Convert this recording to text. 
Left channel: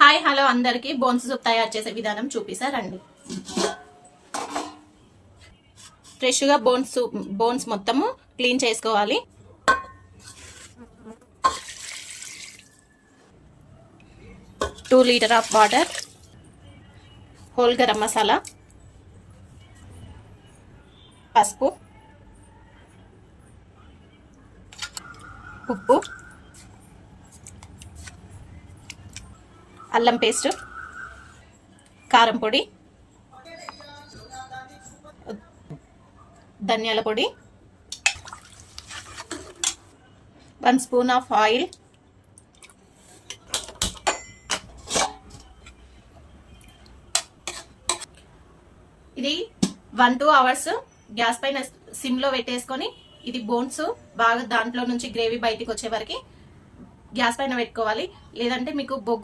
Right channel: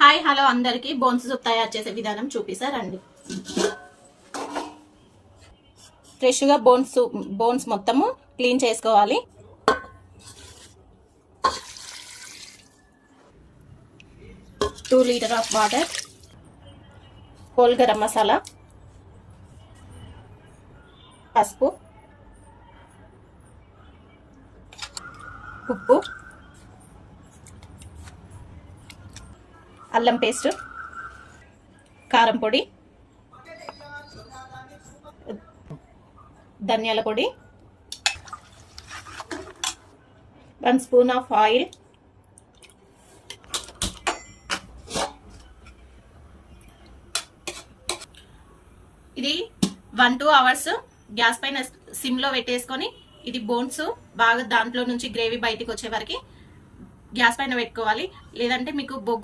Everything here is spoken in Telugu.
హాయ్ హలో అందరికి బోన్స్ సూప్ తయారు చేసే విధానం చూపిస్తారండి. ఫ్రెష్ గా బోన్స్ మొత్తము క్లీన్ చేసుకోవాలి. Two litre of water, whole garam masala, పసుపు, ఉప్పు, అల్లం పేస్ట్, కారం పొడి, ధనియాల పొడి, 1 స్పూన్ ఆఫ్ ఆయిల్, ఇది 1-2 అవర్స్ గ్యాస్ పైన సిమ్ లో పెట్టేసుకొని ఇది బోన్స్ బాగా దాంట్లో నుంచి గ్రేవీ బయటికి వచ్చే వరకు గ్యాస్ పైన పెట్టుకోవాలి. లేదంటే మీకు బొగ్గు